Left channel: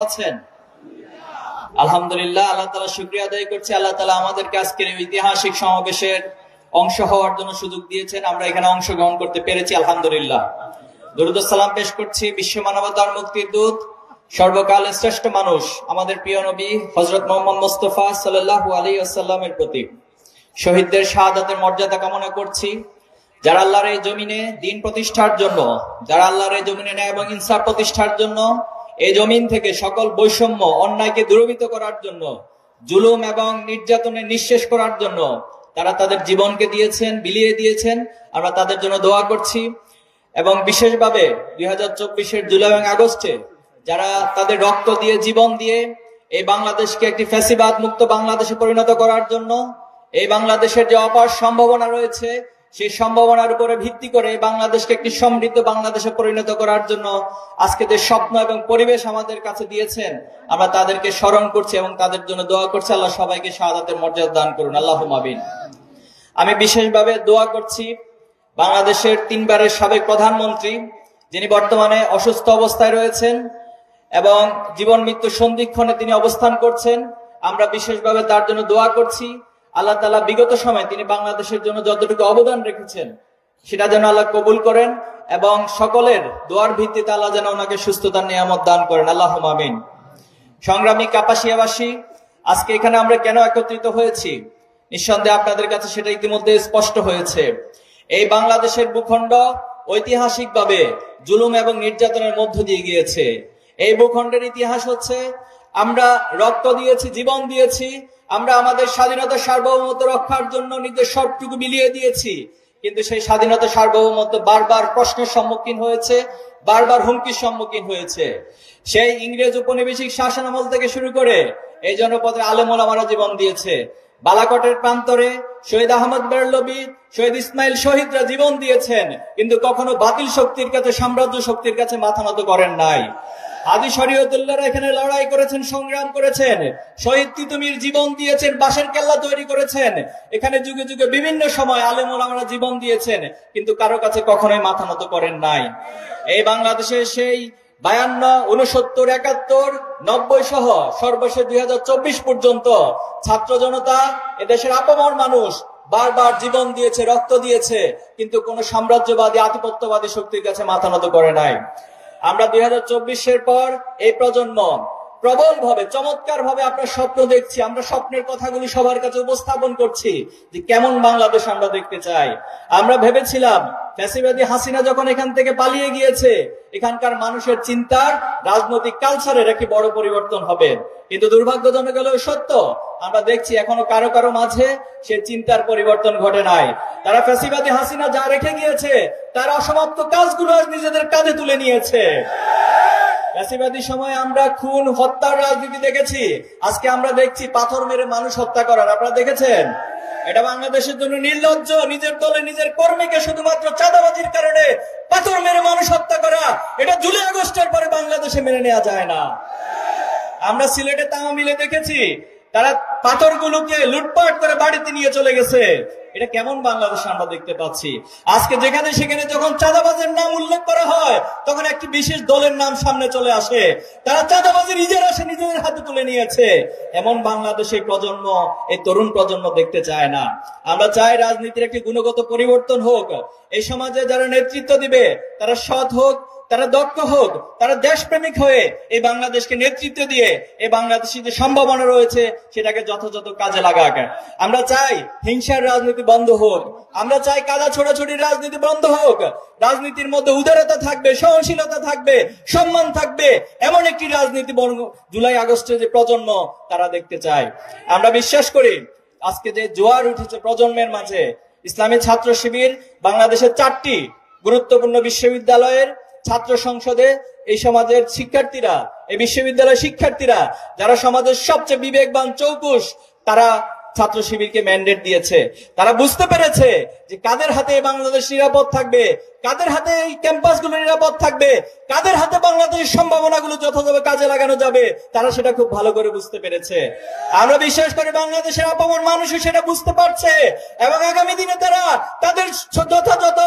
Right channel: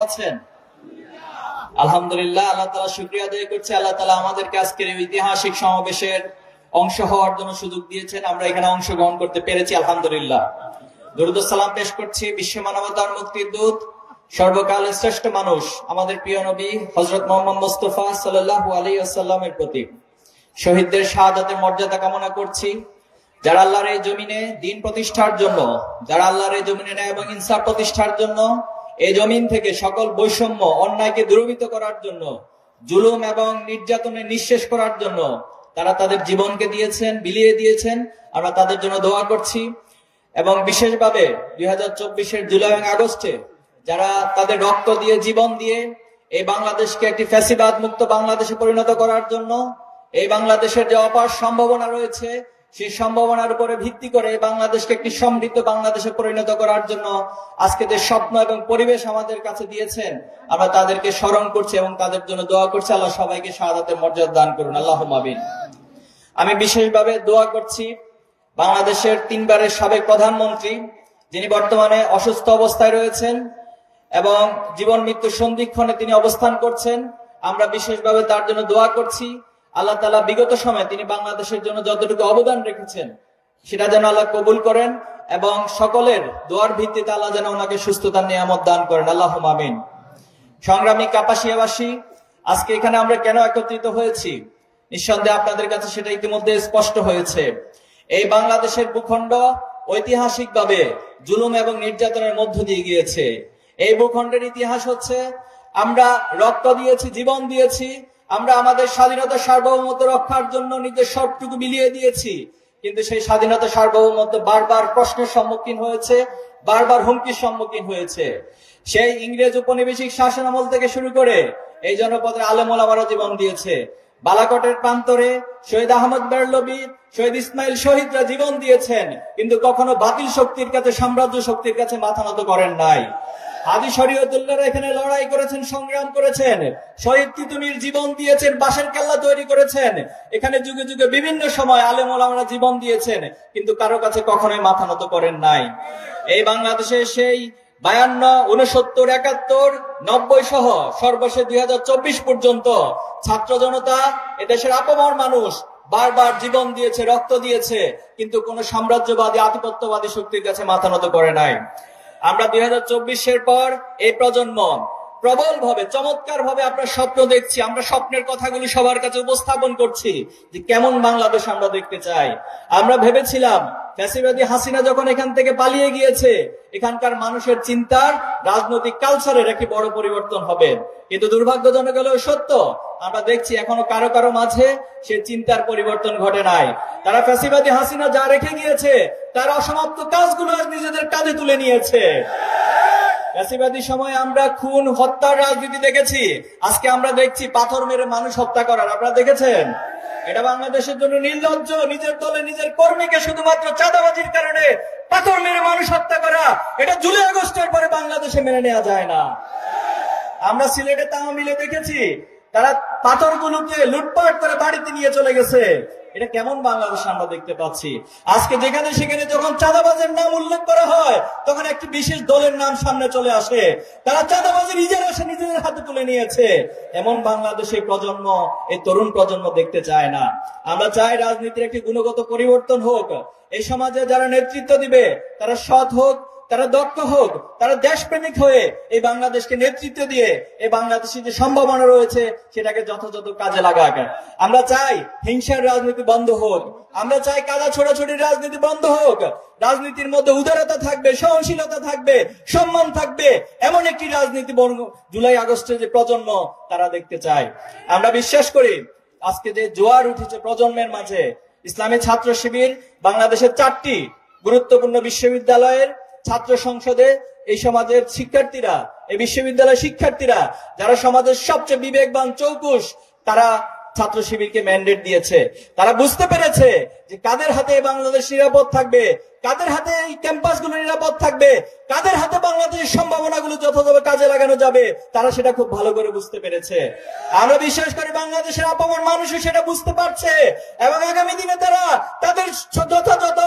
আছেন? আলহামদুলিল্লাহ, আল্লাহ তাআলা শুকরিয়া আদায় করছি। আল্লাহ তাআলা আমাদেরকে আজকের ঐতিহাসিক সমাবেশের অংশ হওয়ার জন্য সুযোগ দিয়েছেন। আমরা এখানে অংশগ্রহণ করতে পেরেছি, আলহামদুলিল্লাহ। দরুদ ও সালাম পেশ করছি বিশ্ব মানবতার মুক্তির দূত, সর্বকালের শ্রেষ্ঠ মানুষ, আমাদের প্রিয় নবী হযরত মুহাম্মদ মুস্তাফা সাল্লাল্লাহু আলাইহি ওয়াসাল্লামের প্রতি। শহীদদের শাহাদাতের মর্যাদা কামনা করছি। যারা আল্লাহর এই জমিনে দ্বীন প্রতিষ্ঠার জন্য, যারা আল্লাহর এই জমিনে ন্যায় এবং ইনসাফ প্রতিষ্ঠার জন্য, এই জমিন থেকে সকল বৈষম্য অন্যায়কে দূরীভূত করার জন্য, জুলুম এবং নির্যাতনে নিঃশেষ করার জন্য তারা তাদের জীবনকে দিয়েছেন, বিলিয়ে দিয়েছেন। আমরা তাদের জন্য দোয়া করছি। এবং বিশেষভাবে 2024-এর জুলাই এবং আগস্টে যারা তাদের রক্ত দিয়ে, জীবন দিয়ে এই বাংলাদেশকে একটি ফ্যাসিবাদ মুক্ত বাংলাদেশে পরিণত করার জন্য, এই বাংলাদেশের যে অপার সম্ভাবনা রয়েছে সেই সম্ভাবনার উপরে ভিত্তি করে বাংলাদেশকে একটি সমৃদ্ধ বাংলাদেশে পরিণত করার জন্য আজকে যে স্বপ্ন এবং পরিবেশ আমাদের কাছে দিয়েছেন, আমরা তাদেরকে স্মরণ করছি এবং তাদের জন্য দোয়া করছি। আল্লাহ সবাইকে শাহাদাতের মর্যাদা দান করুন, আল্লাহুম্মা আমিন। আমি বিশেষভাবে দোয়া করছি বাংলাদেশের 3 বারের সাবেক প্রধানমন্ত্রী, যিনি বর্তমানে অসুস্থ অবস্থায় রয়েছেন এবং জীবন মৃত্যু সন্ধিক্ষণে তিনি অবস্থান করছেন। আমরা বিশেষভাবে তার জন্য দোয়া করছি। আল্লাহ তাআলা বিগত সময়ে তিনি বাংলাদেশের জন্য যতটুকু অবদান রেখেছেন সেটা যেন আল্লাহ কবুল করেন এবং সকলের দোয়ার ভিত্তিতে আল্লাহ যেন ওনাকে সুস্থতার নিয়ামত দান করেন, আল্লাহুম্মা আমিন। সংগ্রামী কাপাসিয়াবাসী, আজকে এখানে আমরা কেন একত্রিত হয়েছি? নিঃসন্দেহে আপনাদের কাছে সেটা ইতিমধ্যে স্পষ্ট হয়েছে। এই বাংলাদেশের ভূখণ্ড ঐতিহাসিকভাবে জুলুম এবং নির্যাতনের মধ্য দিয়ে গিয়েছে। এই ভূখণ্ডের ইতিহাস হচ্ছে আমরা রক্ত দিয়েছি, জীবন দিয়েছি, আমরা আমাদের স্বাধীনতা সার্বভৌমত্ব রক্ষার জন্য নিজের সবটুকু বিলিয়ে দিয়েছি। কিন্তু সেই স্বাধীনতা সার্বভৌমত্ব বারবার প্রশ্নের সম্মুখীন হয়েছে, বারবার হুমকির সম্মুখীন হয়েছে। সেই ইংরেজ উপনিবেশিক শাসন আমল থেকে শুরু করে এই জনপদের আলেম ওলামারা জীবন দিয়েছে। বালাকটের প্রান্তরে শহীদ আহমদ বেরলভী, শহীদ ইসমাইল শহীদরা জীবন দিয়েছেন, কিন্তু কখনো বাতিল শক্তির কাছে, সাম্রাজ্য শক্তির কাছে মাথা নত করেন নাই। হাজী শরীয়তুল্লাহরা এখানে লড়াই করেছেন, সংগ্রাম করেছেন। শহীদ তিতুমীর জীবন দিয়েছেন, বাঁশের কেল্লা তৈরি করেছেন। এখানে যুগে যুগে বিভিন্ন সময় আলেম ওলামারা জীবন দিয়েছেন, কিন্তু কারো কাছে কখনোই মাথা নত করেন নাই। এই বাংলাদেশে সেই 52, 69, 71, 90 সহ সর্বশেষ 2024 পর্যন্ত ছাত্র জনতা, এদেশের আপামর মানুষ বারবার জীবন দিয়েছে, রক্ত দিয়েছে, কিন্তু কোন সাম্রাজ্যবাদী, আধিপত্যবাদী শক্তির কাছে মাথা নত করে নাই। আমরা 2024-এর পর এই প্রজন্ম প্রবল ভাবে, চমৎকার ভাবে আপনার স্বপ্ন দেখছি। আমরা স্বপ্নের কথাগুলি সবার কাছে উপস্থাপন করছি যে কেমন বাংলাদেশ আমরা দেখতে চাই। আমরা ভেবেছিলাম ফ্যাসিবাদী হাসিনা যখন এখান থেকে পালিয়ে গিয়েছে, এখানকার মানুষের চিন্তার, রাজনৈতিক কালচারের একটি বড় পরিবর্তন হবে। কিন্তু দুর্ভাগ্যজনক হলেও সত্য, আমরা দেখছি এখনো কারো কারো মাঝে সে চিন্তার পরিবর্তন ঘটে নাই। তারা ফ্যাসিবাদী হাসিনা যা রেখে গিয়েছে তার অসমাপ্ত কাজগুলো আজ নিজেদের কাঁধে তুলে নিয়েছে। ফ্যাসিবাদী সময় আমরা খুন, হত্যার রাজনীতি দেখেছি, আজকে আমরা দেখছি পাথর মেরে মানুষ হত্যা করার। আপনারা দেখেছেন? এটা বাংলাদেশের জন্য নির্লজ্জ। নিজের দলে নিজের কর্মীকে শুধুমাত্র চাঁদাবাজির কারণে পাথর মেরে মানুষ হত্যা করা, এটা জুলাই আগস্টের পরে বাংলাদেশে মেনে নেওয়া যায় না। আমরা সিলেটে তাওমিলে দেখেছি, তারা পাথরগুলোকে লুটপাট করে বাড়িতে নিয়ে চলে গেছে। এটা কেমন বাংলাদেশ আমরা দেখতে পাচ্ছি? আজকে যেখানে সেখানে যখন চাঁদাবাজের নাম উল্লেখ করা হয়, তখন একটি বিশেষ দলের নাম সামনে চলে আসে। তারা চাঁদাবাজের ইজারা নিজেদের হাতে তুলে নিয়েছে। এমন বাংলাদেশে প্রজন্ম, এই তরুণ প্রজন্ম দেখতে চায় না। আমরা চাই রাজনীতির একটি গুণগত পরিবর্তন হোক। এই সমাজে যারা নেতৃত্ব দিবে তারা সৎ হোক, তারা দক্ষ হোক, তারা দেশপ্রেমিক হয়ে এই বাংলাদেশকে নেতৃত্ব দিয়ে এই বাংলাদেশে যে সম্ভাবনা রয়েছে সেটাকে যথাযথ কাজে লাগাক। আমরা চাই হিংসার রাজনীতি বন্ধ হোক, আমরা চাই কাদা ছোড়াছড়ির রাজনীতি বন্ধ হোক। রাজনীতির মধ্যে উদারতা থাকবে, সহনশীলতা থাকবে, সম্মান থাকবে, এমন একটি রাজনীতি জুলাই আগস্টের যে প্রজন্ম তারা দেখতে চায়। আমরা বিশ্বাস করি আজকে যে জোয়ার উঠেছে প্রজন্মের মাঝে, ইসলামী ছাত্র শিবির বাংলাদেশের 4টি গুরুত্বপূর্ণ বিশ্ববিদ্যালয়ের ছাত্র সংসদে এই সমাজের শিক্ষার্থীরা, এই বিশ্ববিদ্যালয়ের শিক্ষার্থীরা যারা সমাজের সবচেয়ে বিবেকবান, চৌকুশ, তারা ছাত্র শিবিরকে ম্যান্ডেট দিয়েছে। তারা বুঝতে পেরেছে যে কাদের হাতে বাংলাদেশ নিরাপদ থাকবে, কাদের হাতে এই ক্যাম্পাসগুলো নিরাপদ থাকবে, কাদের হাতে বাংলাদেশের সম্ভাবনাগুলো যথাযথ কাজে লাগানো যাবে, তারা সেটা খুব ভালো করে বুঝতে পেরেছে। আমরা বিশ্বাস করি বাংলাদেশের আপামর মানুষও সেটা বুঝতে পারছে এবং আগামী দিনে তারা তাদের যথাযথ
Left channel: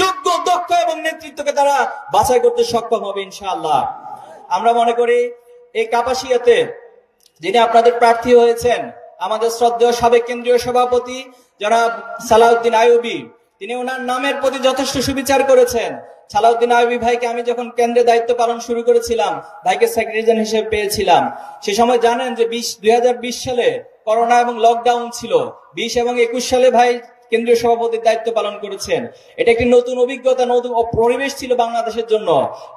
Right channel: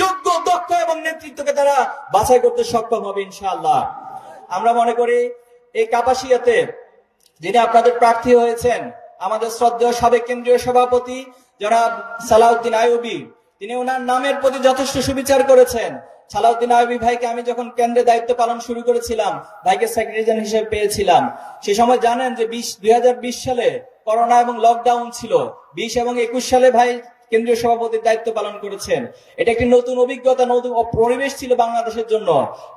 যোগ্য, দক্ষ এবং নেতৃত্বকে তারা বাছাই করতে সক্ষম হবে ইনশাআল্লাহ। আমরা মনে করি এই কাপাসিয়াতে যিনি আপনাদের প্রার্থী হয়েছেন, আমাদের শ্রদ্ধেয় সাবেক কেন্দ্রীয় সভাপতি জনাব সালাউদ্দিন আইয়ুবী, তিনি ওনার নামের প্রতি যথেষ্ট সুবিচার করেছেন। সালাউদ্দিন আইয়ুবী ভাইকে আমি যখন কেন্দ্রে দায়িত্ব পালন শুরু করেছিলাম, ভাইকে সেক্রেটারি হিসেবে পেয়েছিলাম। সে সময় জানেন যে 2020 সালে করোনা এবং লকডাউন ছিল। 20 এবং 21 সালে ভাই কেন্দ্রীয় সভাপতির দায়িত্ব পালন করেছেন। এটা একটি নতুন অভিজ্ঞতা, নতুন পরিবেশ ছিল বাংলাদেশের জন্য।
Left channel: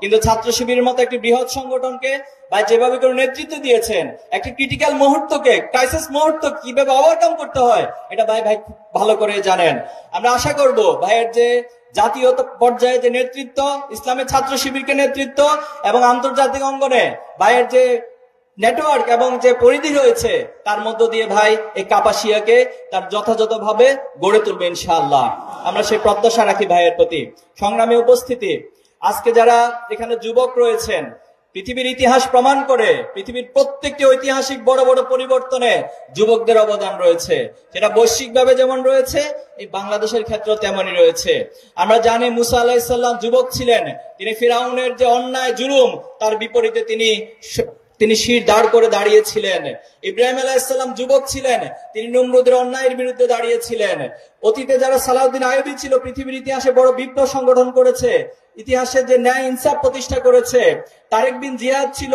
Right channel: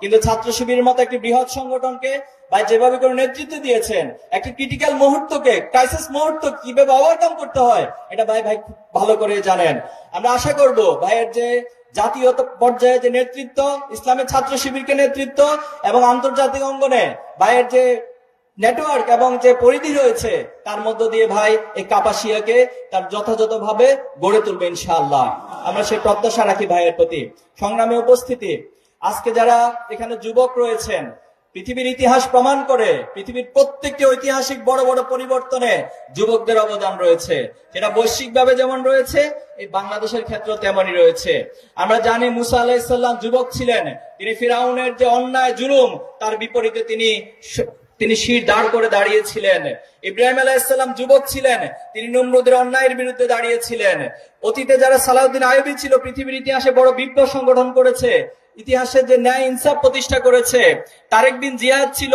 কিন্তু ছাত্র শিবিরের মতো একটি বৃহৎ সংগঠনকে ভাই যেভাবে করে নেতৃত্ব দিয়েছেন, একটি ক্রিটিক্যাল মুহূর্তকে, ক্রাইসিস মুহূর্ত কিভাবে ওভারকাম করতে হয়, এটা ভাই ভালো করে জানেন। আমরা আশা করব ভাইয়ের যে জাতীয় পর্যায়ে যে নেতৃত্ব, ইসলামের ছাত্র শিবিরকে নেতৃত্ব এবং আন্তর্জাতিক অঙ্গনে ভাইয়ের যে নেটওয়ার্ক এবং যে পরিধি রয়েছে, তার মধ্য দিয়ে ভাই এই কাপাসিয়াকে তার যথাযথভাবে গড়ে তুলবে ইনশাআল্লাহ। আমরা সেই প্রত্যাশা রাখি ভাইয়ের প্রতি। সংগ্রামী উপস্থিতি, আজকে যারা এখানে যুবক রয়েছেন, পৃথিবীর ইতিহাস প্রমাণ করে পৃথিবীর প্রত্যেকটি ঐতিহাসিক বড় বড় পরিবর্তনে যুবকদের অবদান রয়েছে। সেটা বৈশ্বিকভাবে যেমন রয়েছে, এই বাংলাদেশের ক্ষেত্রে তেমনই রয়েছে। আমরা জানি মুসা আলাইহিস সালাম যুবক ছিলেন। তিনি ফিরাউনের যে অন্যায় জুলুম, তার বিপরীতে তিনি শির দাঁড় করে দাঁড়িয়েছিলেন। ইব্রাহিম আলাইহিস সালাম যুবক ছিলেন, তিনি নমরুদের অন্যায়ের বিরুদ্ধে দাঁড়িয়েছিলেন। অতীতে যারা সালাউদ্দিন আইয়ুবী ছিল, পৃথিবীর ইতিহাসে বড় বিপ্লব সংগঠন করেছে, ইতিহাসের যে ন্যায় ইনসাফ প্রতিষ্ঠা করেছে। তারেক বিন জিয়াদ ছিল,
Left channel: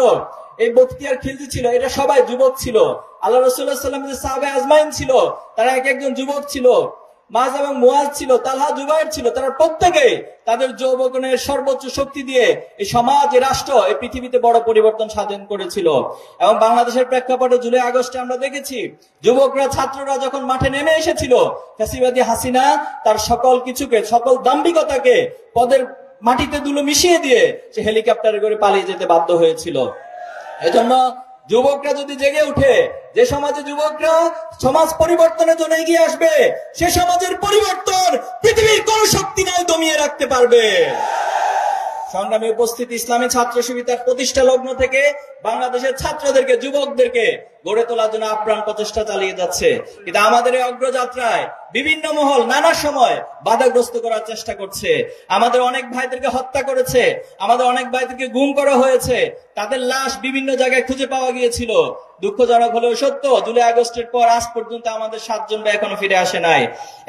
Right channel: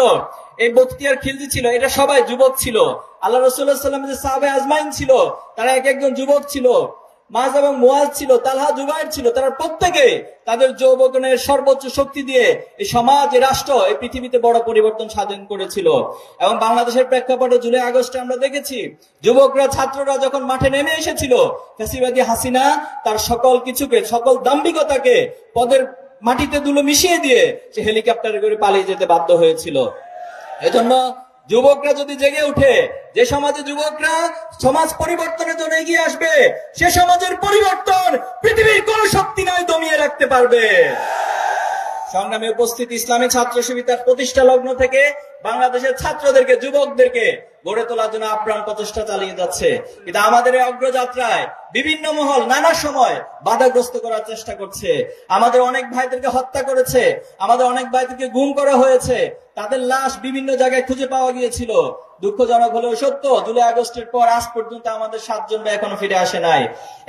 এই বখতিয়ার খিলজি ছিল, এটা সবাই যুবক ছিল। আল্লাহ রাসূলুল্লাহ সাল্লাল্লাহু আলাইহি ওয়াসাল্লামের যে সাহাবা আজমাইন ছিল, তারা এক একজন যুবক ছিল। মাজ এবং মুআজ ছিল, তালহা, জুবাইর ছিল। তারা প্রত্যেকে তাদের যৌবনের সর্বোচ্চ শক্তি দিয়ে এই সমাজ, এই রাষ্ট্র, এই পৃথিবীতে বড় পরিবর্তন সাধন করেছিল। এবং বাংলাদেশের প্রেক্ষাপটে জুলাই আগস্টে আমরা দেখেছি, যুবকরা, ছাত্ররা যখন মাঠে নেমে এসেছিল, ফ্যাসিবাদী হাসিনা তার সকল কিছুকে, সকল দাম্ভিকতাকে পদের মাটিতে ধুলো মিশিয়ে দিয়ে সে হেলিকপ্টারে করে পালিয়ে যেতে বাধ্য হয়েছিল। এজন্য যুবকরা যদি জেগে উঠে, যে সমাজে যুবকরা সমাজ পরিবর্তনের জন্য এগিয়ে আসবে, সে সমাজের পরিবর্তন পৃথিবীর কোন শক্তি নয় দমিয়ে রাখতে পারবে। সংগ্রামে উপস্থিত, ইসলামী ছাত্র শিবির তার প্রতিষ্ঠা লগ্ন থেকে বাংলাদেশের ছাত্রদেরকে, যুবকদেরকে গড়ে তোলার জন্য আপ্রাণ প্রচেষ্টা চালিয়ে যাচ্ছে। কিন্তু আমাদের এই অগ্রযাত্রায় বিভিন্ন মহল নানা সময় বাধাগ্রস্ত করার চেষ্টা করছে। আমাদের অনেক ভাইদেরকে হত্যা করেছে, আমাদের অনেক ভাইদেরকে গুম করা হয়েছে, তাদের লাশ বিভিন্ন জায়গায় খুঁজে পাওয়া গিয়েছিল। দুঃখজনক হলেও সত্য, জুলাই আগস্টের পর আজ পর্যন্ত আমাদের 7 জন এখনো ফিরে আসে নাই।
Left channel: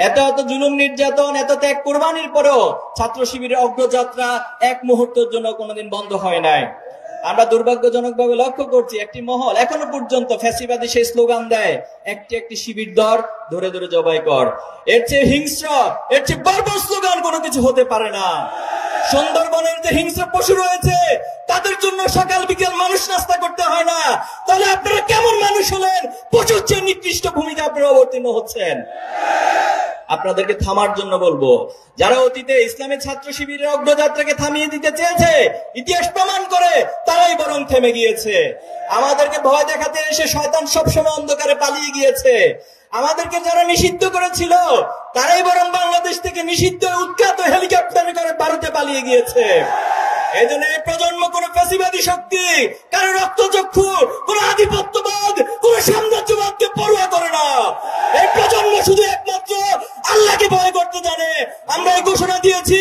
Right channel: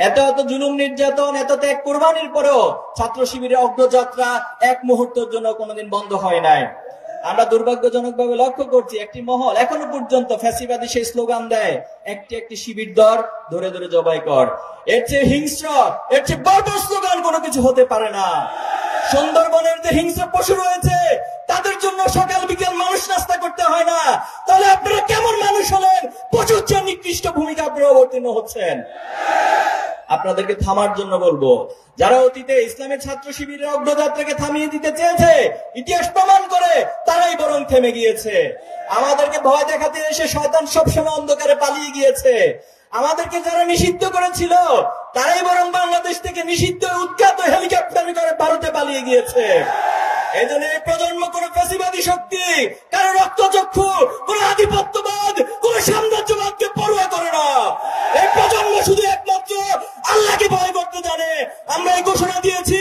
এত জুলুম, নির্যাতন, এত ত্যাগ কোরবানির পরেও ছাত্র শিবিরের অগ্রযাত্রা এক মুহূর্তের জন্য কোনোদিন বন্ধ হয় নাই। আমরা দুর্ভাগ্যজনকভাবে লক্ষ্য করছি, একটি মহল এখনো পর্যন্ত ফ্যাসিবাদী সেই স্লোগান দেয়, একটি শিবির ধরে ধরে জবাই কর। এর চেয়ে হিংস্র, এর চেয়ে বর্বর স্লোগান কোনো কিছু হতে পারে না। সুন্দরবনের যে হিংস্র পশু রয়েছে, তাদের জন্য সকাল বিকেল মানুষ নাস্তা করতে হয় না। তাহলে আপনারা কেমন মানুষ হলেন? পশুর চেয়ে নিকৃষ্ট ভূমিকা আপনারা অবতীর্ণ হচ্ছেন। আপনাদেরকে থামার জন্য বলবো, যারা অতীতে ইসলামের ছাত্র শিবিরের অগ্রযাত্রাকে থামিয়ে দিতে চেয়েছে, ইতিহাস প্রমাণ করে তারাই বরং থেমে গিয়েছে। আমাদেরকে ভয় দেখাতে এসে শয়তান সবসময় অন্ধকারে পালিয়ে গিয়েছে। আমাদেরকে যারা নিষিদ্ধ করেছিল, তারাই বরং বাংলাদেশ থেকে নিষিদ্ধ উৎখাত হেলিকপ্টারে করে ভারতে পালিয়ে গিয়েছে। এই জন্য এই প্রজন্ম কোন ফ্যাসিবাদী শক্তি, কারো রক্তচক্ষু, কোন আধিপত্যবাদ, কোন সাম্রাজ্যবাদকে পরোয়া করে না। এই প্রজন্ম শুধু একমাত্র আল্লাহকে ভয় করতে জানে। আমরা এই ঘোষণা দিয়েছি,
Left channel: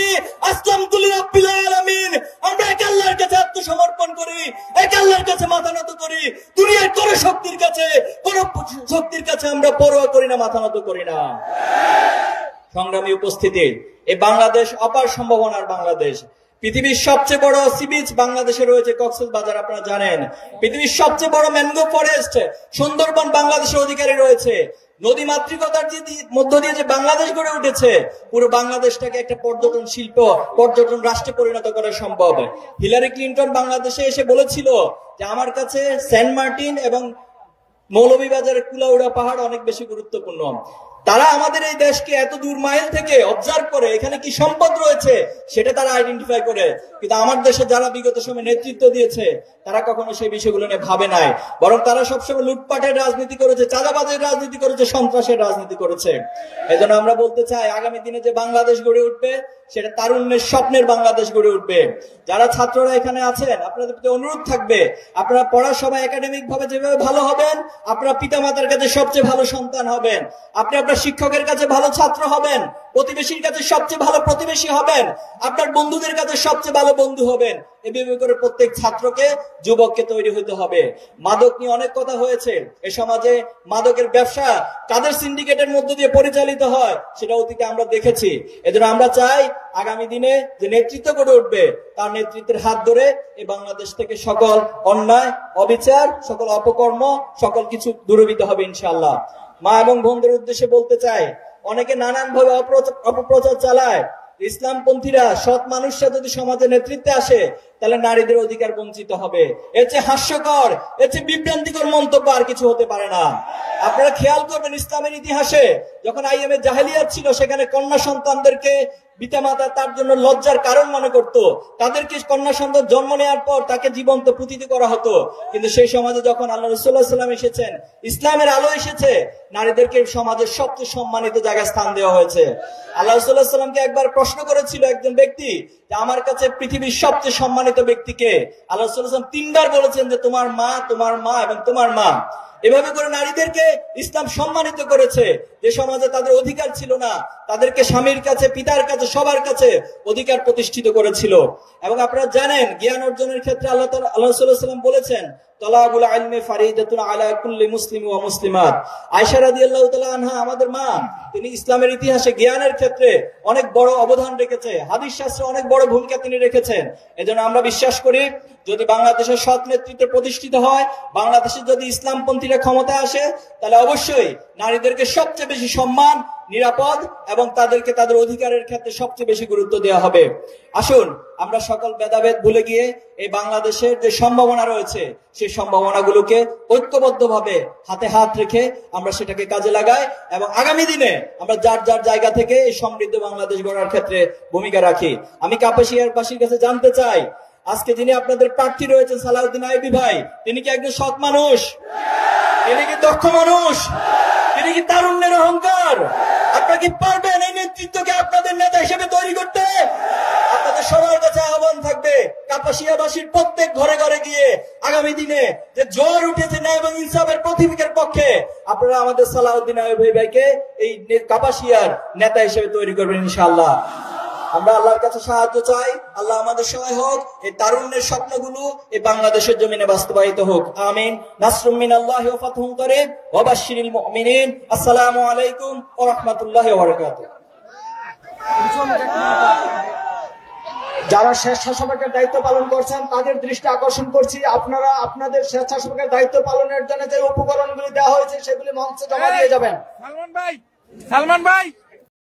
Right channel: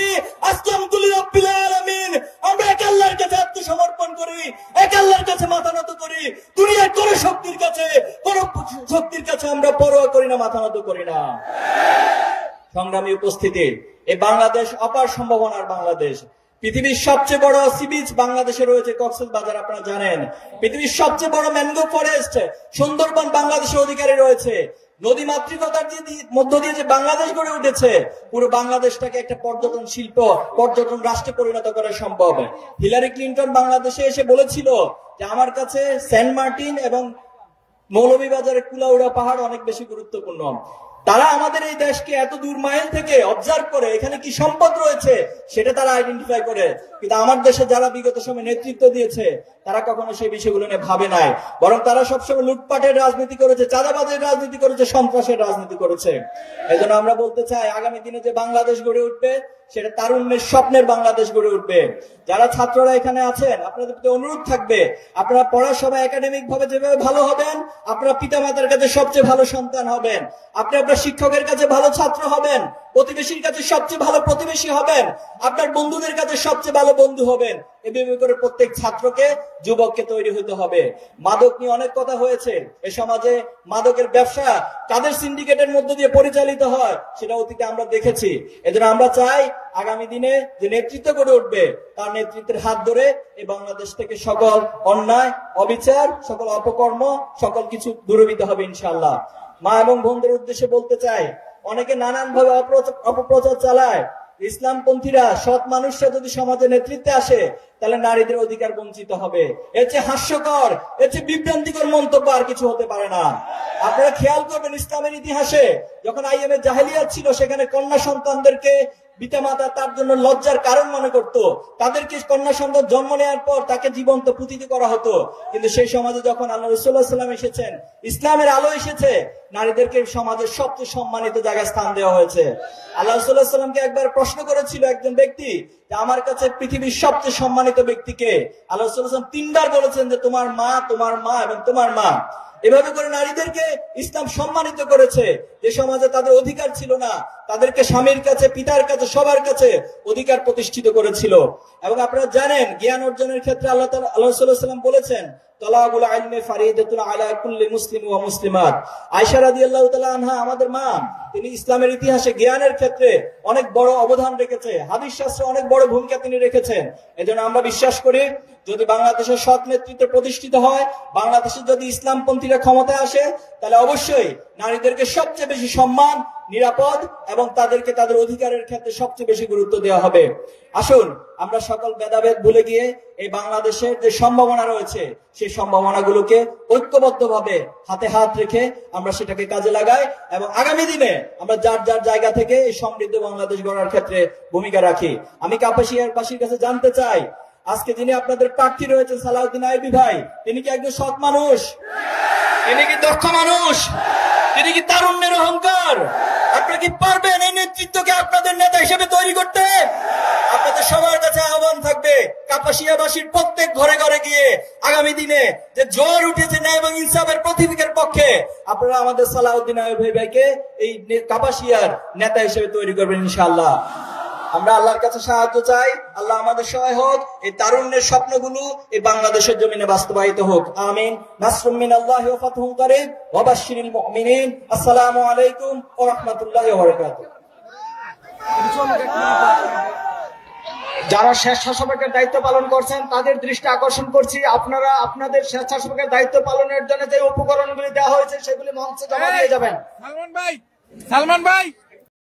আসলামতু লিরাব্বিল আলামিন। আমরা এক আল্লাহর কাছে আত্মসমর্পণ করি, এক আল্লাহর কাছে মাথা নত করি। দুনিয়ার কোন শক্তির কাছে আমরা পরোয়া করি না, মাথা নত করি না। সংগ্রামী উপস্থিতি, এই বাংলাদেশ অপার সম্ভাবনার বাংলাদেশ। পৃথিবীর সবচেয়ে বড় সি বিচ বাংলাদেশে রয়েছে, কক্সবাজার, আপনারা জানেন। পৃথিবীর সবচেয়ে বড় ম্যানগ্রোভ ফরেস্ট, সুন্দরবন বাংলাদেশের অধিকারে রয়েছে। নদী মাতৃকতার মধ্য দিয়ে যে বাংলাদেশ গড়ে উঠেছে, পুরো বাংলাদেশটাকে একটা পর্যটন শিল্প, পর্যটন রাষ্ট্রে পরিণত করা সম্ভব। হিলারি ক্লিন্টন বাংলাদেশে এসে বলেছিল যে আমার কাছে সেন্ট মার্টিন এবং মৌলভীবাজারের কুলাউড়া পাহাড় অনেক বেশি গুরুত্বপূর্ণ। তারা আমাদের এই দেশকে এত দূর মাইল থেকে অবজার্ভ করে, এখানে কি সম্পদ রয়েছে সেটা তারা আইডেন্টিফাই করে। কিন্তু আমার দেশে যারা বিগত সময় নেতৃত্ব দিয়েছে, তারা কখনো সেই বিষয়গুলো নিয়ে ভাবে নাই। বরং তারা সবসময় লুটপাটের রাজনীতি করেছে, চাঁদাবাজের রাজনীতি করেছে, সন্ত্রাসের রাজনীতি করেছে। এই জন্য আমরা বলতে চাই, আগামী দিনে যে বাংলাদেশ গড়ে উঠবে, সেটা তারুণ্যের স্বপ্নের বাংলাদেশ গড়ে উঠবে। যারা ছাত্ররা এখানে আছেন, আপনাদের প্রতি অনুরোধ থাকবে, আপনারা পড়ার সময় একাডেমিক ভাবে যেভাবে ভালো হবেন, আপনারা পিতামাতার কাছে সবচেয়ে ভালো সন্তান হবেন, আপনি আপনার শিক্ষকের কাছে ভালো ছাত্র হবেন, প্রতিবেশীর কাছে সবচেয়ে ভালো প্রতিবেশী হবেন, আপনার বন্ধুদের কাছে সবচেয়ে ভালো বন্ধু হবেন। এভাবে করে প্রত্যেক ছাত্রকে, যুবককে তৈরি হতে হবে। মাদক নিয়ে অনেক কথা হয়েছে। এ সমাজে মাদকের ব্যবসা কাদের সিন্ডিকেটের মধ্য দিয়ে পরিচালিত হয় সেটা অতীতে আমরা দেখেছি। এজন্য আমরা চাই আগামী দিনে যে নেতৃত্ব গড়ে উঠবে তার নেতৃত্বের হাত ধরে এই বাংলাদেশ থেকে সকল অন্যায়, অবিচার, সকল অপকর্ম, সকল কিছু দূরীভূত হবে ইনশাআল্লাহ। মা এবং বোনদের উদ্দেশ্যে বলতে চাই, অনেকে নানান ভাবে অপপ্রচার চালায়। ইসলামপন্থীরা, সৎ মানুষরা যদি সমাজে নেতৃত্বে আসে তাহলে নারীদের অধিকার বঞ্চিত হবে। এর চেয়ে হাস্যকর, এর চেয়ে বিভ্রান্তিকর মন্তব্য আর কিছু হতে পারে না। আপনারা খেয়াল করবেন, ইসলামের ইতিহাসে যখন আইএমএ জাহেলিয়াত ছিল, সেখানে কন্যা সন্তানদেরকে পিতামাতা তার জন্য লজ্জার কারণ মনে করত। তাদেরকে কন্যা সন্তান জন্ম নেওয়ার পর তাকে জীবন্ত পুঁতিত করা হতো। কিন্তু সেই সমাজে যখন আল্লাহ রাসূলুল্লাহ সাল্লাল্লাহু আলাইহি ওয়াসাল্লাম এসেছেন, ইসলামের আলো এসেছে, নারীদেরকে সমাজের সবচেয়ে সম্মানিত জায়গায় স্থান দেওয়া হয়েছে। আল্লাহ রাসূলুল্লাহ সাল্লাল্লাহু আলাইহি ওয়াসাল্লামকে একবার প্রশ্ন করেছিল একজন ব্যক্তি যে আমার কাছে পৃথিবীর সবচেয়ে সম্মানিত ব্যক্তিকে? আল্লাহ রাসূলুল্লাহ সাল্লাল্লাহু আলাইহি ওয়াসাল্লাম তিনবার বলেছেন যে তোমার মা, তোমার মা এবং তোমার মা। এভাবে করে নারীদেরকে ইসলাম সম্মানিত করেছে। যে সমাজে তাদের অধিকার ছিল না, তাদেরকে স্বামীর কাছে, পিতার কাছে, সবার কাছে অধিকার প্রতিষ্ঠিত করেছিল। এবং আপনারা জানেন, জ্ঞান অর্জনের ক্ষেত্রে আল্লাহ রাসূলুল্লাহ সাল্লাল্লাহু আলাইহি ওয়াসাল্লাম বলেছেন, তালাবুল ইলমি ফারিদাতুন আলা কুল্লি মুসলিম ওয়া মুসলিমাত। আয়েশা রাদিয়াল্লাহু তাআলা আনহা আমাদের মা, তিনি ইসলামের ইতিহাসে জ্ঞানের ক্ষেত্রে অনেক বড় অবদান রেখেছে। হাদিস শাস্ত্রে অনেক বড় ভূমিকা তিনি রেখেছেন। এজন্য আমরা বিশ্বাস করি, যদি বাংলাদেশের সৎ নেতৃত্ব প্রতিষ্ঠিত হয়, বাংলাদেশে যদি ইসলামপন্থীরা ক্ষমতায় আসে, তাহলে অবশ্যই নারীদেরকে সবচেয়ে বেশি সম্মান, নিরাপদ এবং তাদেরকে তাদের অধিকারের ক্ষেত্রে সবচেয়ে বেশি গুরুত্ব দেওয়া হবে। আসুন আমরা সকল ভেদাভেদ ভুলে গিয়ে এই বাংলাদেশের যে সম্ভাবনা রয়েছে, সেই সম্ভাবনাগুলোকে ঐক্যবদ্ধভাবে হাতে হাত রেখে আমরা সেটাকে কাজে লাগাই এবং আগামী দিনে আমরা যার যার জায়গা থেকে এই সমৃদ্ধ বাংলাদেশ গড়ার ক্ষেত্রে ভূমিকা রাখি। আমি কাপাসিয়ারবাসীর কাছে জানতে চাই, আজকে যিনি আপনাদের প্রার্থী রয়েছেন সালাউদ্দিন আইয়ুবী ভাই, তিনি কি একজন সৎ মানুষ? তিনি কি দক্ষ মানুষ? তিনি কি তারুণ্যের অহংকার? আপনারা কি পারবেন এই নেতৃত্বকে আপনাদের নেতা হিসেবে তৈরি করতে? আপনাদের সবার কাছে আহ্বান থাকবে, কাপাসিয়াবাসীর প্রত্যেক ঘরে ঘরে গিয়ে আগামী দিনে যে জ্বর উঠেছে ন্যায় এবং ইনসাফের প্রতীকের পক্ষে, আপনারা আমাদের সালাউদ্দিন আইয়ুবী ভাইকে এই কাপাসিয়ার নেতা হিসেবে তৈরি করবেন ইনশাআল্লাহ। আমরা আল্লাহর কাছে সাহায্য চাই, আল্লাহ আমাদের সহায় হোক, এই তারুণ্যের স্বপ্নগুলো এই বাংলাদেশের জমিনে বাস্তবায়িত হোক। আমিন। নাসরুম মিনাল্লাহি ওয়া ফাতহুন কারীব ওয়া বাশশিরিল মুমিনিন। আসসালামু আলাইকুম ওয়া রাহমাতুল্লাহি ওয়া বারাকাতুহু। যারা স্বেচ্ছাসেবকের দায়িত্ব পালন করছেন তাদের দৃষ্টি আকর্ষণ করছি, আপনারা আপনাদের স্বেচ্ছাসেবকের দায়িত্ব পালনের জন্য যে উপকরণগুলি দেওয়া হয়েছে সেগুলি মঞ্চে জমা দিয়ে যাবেন। সালমান ভাই